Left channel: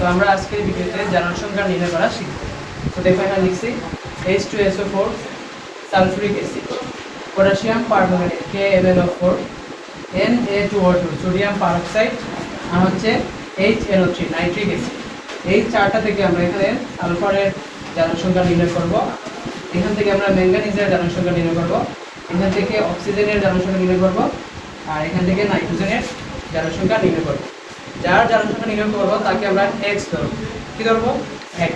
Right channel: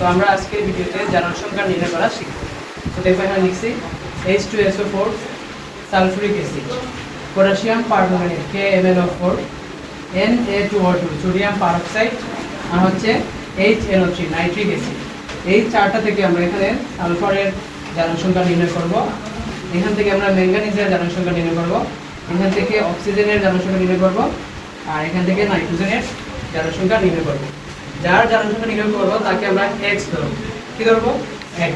তো আমরা আজকের ভিডিওতে জারণ সংখ্যা নির্ণয় করা শিখব। তো দেখো এখানে লিখছি H2SO4 sulphuric acid, potassium permanganate KMnO4, Na2O2 sodium peroxide, আর হচ্ছে HNO3 নাইট্রিক অ্যাসিড। এই চারটা থেকে আমরা এখানে সালফারের জারণ সংখ্যা নির্ণয় করব। এখান থেকে আমরা ম্যাঙ্গানিজের জারণ সংখ্যা নির্ণয় করব, এখান থেকে অক্সিজেনের জারণ সংখ্যা নির্ণয় করব, আর এখান থেকে নাইট্রোজেনের জারণ সংখ্যা নির্ণয় করব। যার জারণ সংখ্যা নির্ণয় করব তাকে আমরা x ধরব। কি ধরব? x।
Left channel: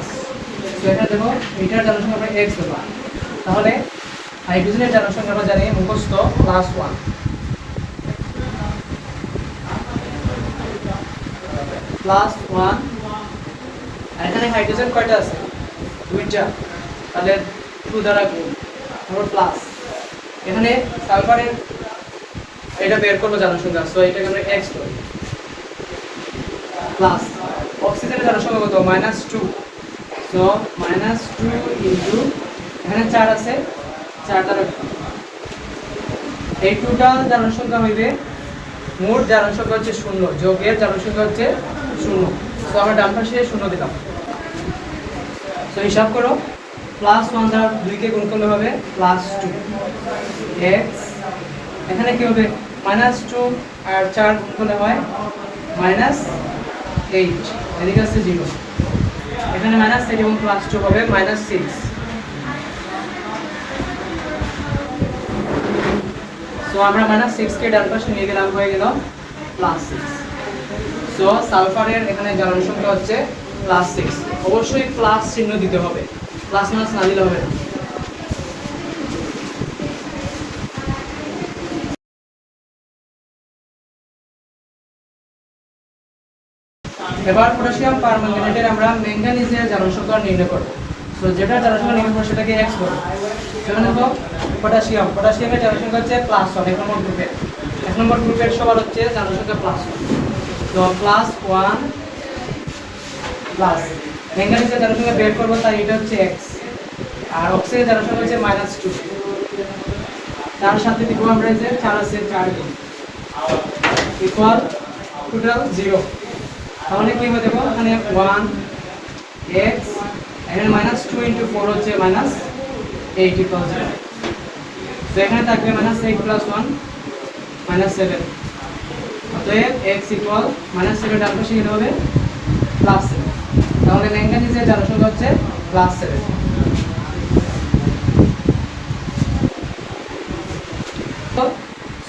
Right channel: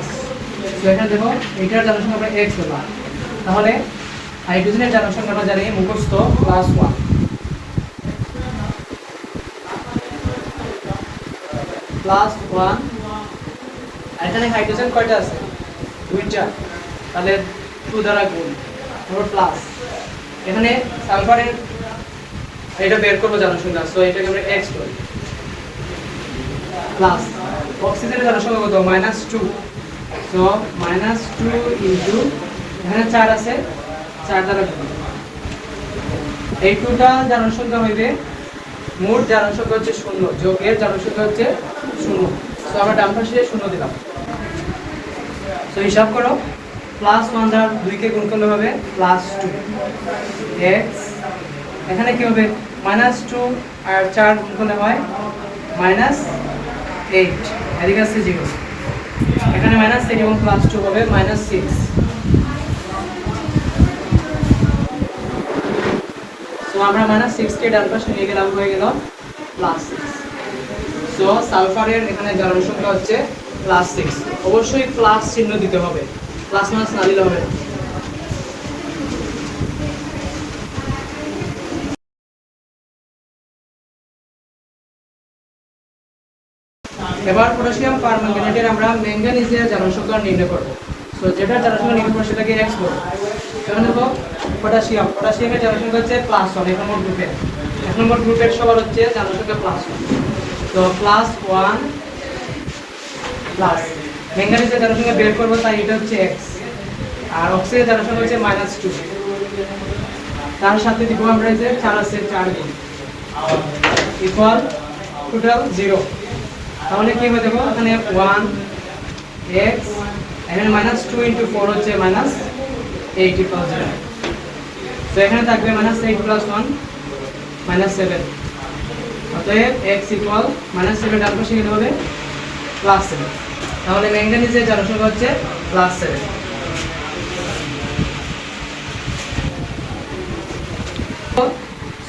তো এটা দেখো এটার জারণ সংখ্যা আমরা x ধরব। তাহলে হাইড্রোজেনের জারণ সংখ্যাটা জানি মুখস্থ +1 +1। এখানে হাইড্রোজেন কয়টা আছে? দুইটা, তাহলে 2 দ্বারা গুণ তারপর প্লাস। এখানে সালফারের এটা বের করব জারণ সংখ্যা, সো এটাকে আমরা x ধরব প্লাস। অক্সিজেনের জারণ সংখ্যা কত? -2, সো -2 ইনটু এখানে 4 আছে, 4 দ্বারা গুণ। এই 2টা জারণ সংখ্যা হইবে মোট জারণ সংখ্যা হচ্ছে 0, যোগের জারণ সংখ্যা হচ্ছে 0। সো আমরা ডান পাশে 0 দিলাম। সো হিসাব করো, +1 দ্বারা 2 কে গুণ করলে হবে +2 x। এখানে কি হবে? -2 আর 4 গুণ করলে হয় -8, এদিকে আছে 0। এখানে -8 এবং +2 হবে -6। সো আমরা -6 কে ডান পাশে নিয়ে গেলাম, হয়ে গেল +6। সো সালফারের এখানে জারণ সংখ্যা হচ্ছে +6। অবশ্যই প্লাস চিহ্ন দিতে হবে, প্লাস মাস না দিলে হবে না। এবার পটাশিয়াম পারম্যাঙ্গানেটের আমরা ম্যাঙ্গানিজের জারণ সংখ্যা নির্ণয় করব। সো যেটা জারণ সংখ্যা নির্ণয় করব সেটাকে x বলবো। সেটা দেখো পটাশিয়ামের জারণ সংখ্যা হচ্ছে +1 এক নম্বর গ্রুপের। এক নম্বর গ্রুপের সবার হচ্ছে জারণ সংখ্যা +1। তো +1 প্লাস ম্যাঙ্গানিজের জারণ সংখ্যা বের করব, তাই এটা হচ্ছে x। আর অক্সিজেনের জারণ সংখ্যা হচ্ছে -2। তার সাথে দিব আমরা যে 4 আছে 4 গুণ ইকুয়াল টোটাল 0। তাহলে কি হবে দেখো, এখানে 1x, এখানে -2 * 4 হচ্ছে -8 = 0। তো এখানে থাকবে -8 + 1 -7। অতএব x = -7, ডান পাশে গেলে হবে +7। তাহলে ম্যাঙ্গানিজের জারণ সংখ্যা হচ্ছে +7।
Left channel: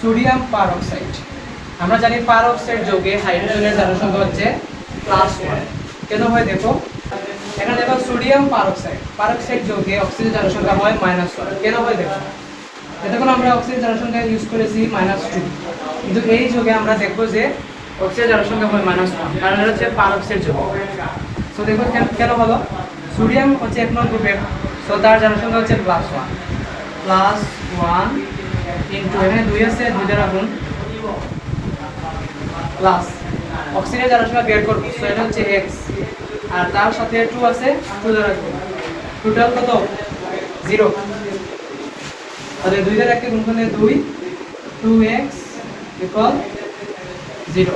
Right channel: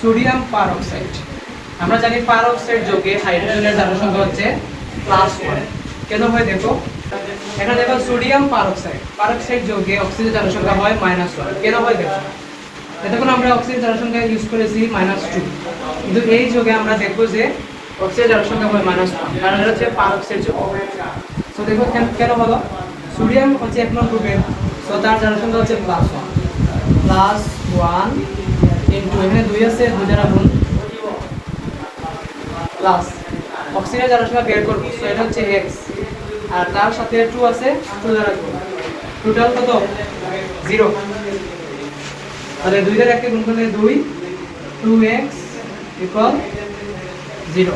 সোডিয়াম পারঅক্সাইড, আমরা জানি পারঅক্সাইড যৌগে হাইড্রোজেনের জারণ সংখ্যা হচ্ছে +1। কেন হয় দেখো, এখানে দেখো সোডিয়াম পারঅক্সাইড যৌগে অক্সিজেন জারণ সংখ্যা হয় -1। কেন হয় দেখো, এতক্ষণ আমরা অক্সিজেন জারণ সংখ্যা ইউজ করেছি -2, কিন্তু এই যৌগে আমরা দেখব যে অক্সিজেন জারণ সংখ্যা হয় -1, কারণ এটা হচ্ছে পারঅক্সাইড যৌগ। তো দেখো কেন হলো, সোডিয়াম হচ্ছে 1 নং গ্রুপের, সো তার জারণ সংখ্যা হচ্ছে +1 ইনটু এখানে 2 আছে 2 দ্বারা গুণ প্লাস অক্সিজেনের জারণ সংখ্যা বের করব, সো এটা হচ্ছে x। আর তার সাথে 2 আছে 2 দ্বারা গুণ, টোটাল কত? 0। তাহলে 2 দ্বারা 1 গুণ করলে 2x = 0।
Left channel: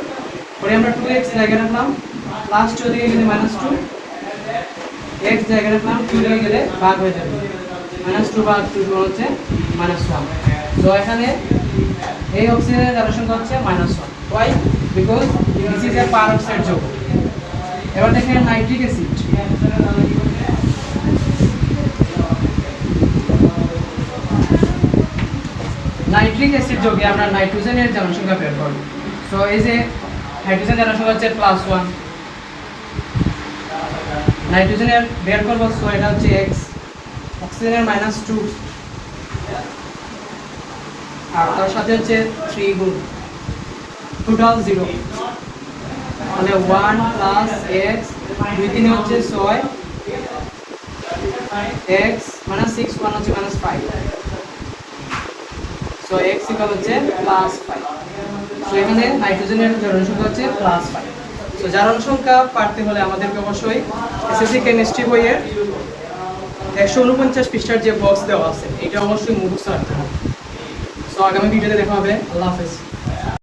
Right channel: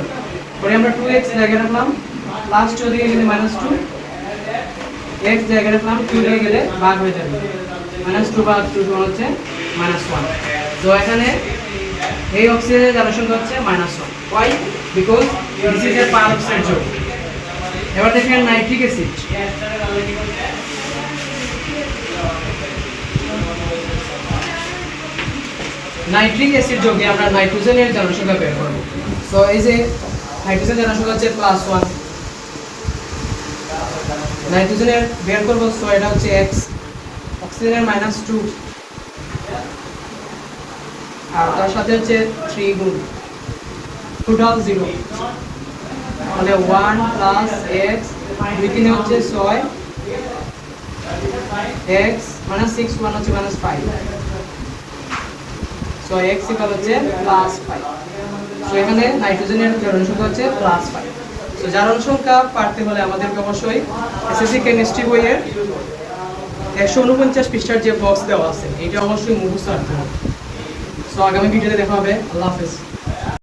পরে আমরা 2x জায়গায় রাখলাম, +2 দিয়ে গেলে -2, x জায়গায় রাখলাম, 2 দিয়ে গেলে ভাগ হয়ে যাবে, -2 ভাগ 2 হচ্ছে -1। তো এখানে এই অক্সিজেনের জারণ সংখ্যা হচ্ছে -1। Why? Because this is a peroxide যৌগ। এবার দেখেন নাইট্রিক অ্যাসিড, যৌগে আমরা নাইট্রোজেনের জারণ সংখ্যা বের করব। সো এই যে হাইড্রোজেন জারণ সংখ্যা হচ্ছে +1, নাইট্রোজেনের বের করব, সো এটা হচ্ছে x। অক্সিজেনের -2 আর তার সাথে হচ্ছে 3 গুণ, টোটাল 0। মানে 1 + x 2 3 হচ্ছে 6, x -6 1 হচ্ছে -5, সো x = হচ্ছে +5। সো এখানে নাইট্রোজেনের জারণ সংখ্যা হচ্ছে +5। সো জারণ সংখ্যা পারতে হলে আমাদেরকে অবশ্যই এসএসসি কেমিস্ট্রি বইয়ের 149 পৃষ্ঠার যে বক্স দেওয়া আছে এটা অবশ্যই মুখস্থ রাখতে হবে। সো আগামী ভিডিওতে দেখা হবে। আল্লাহ হাফেজ।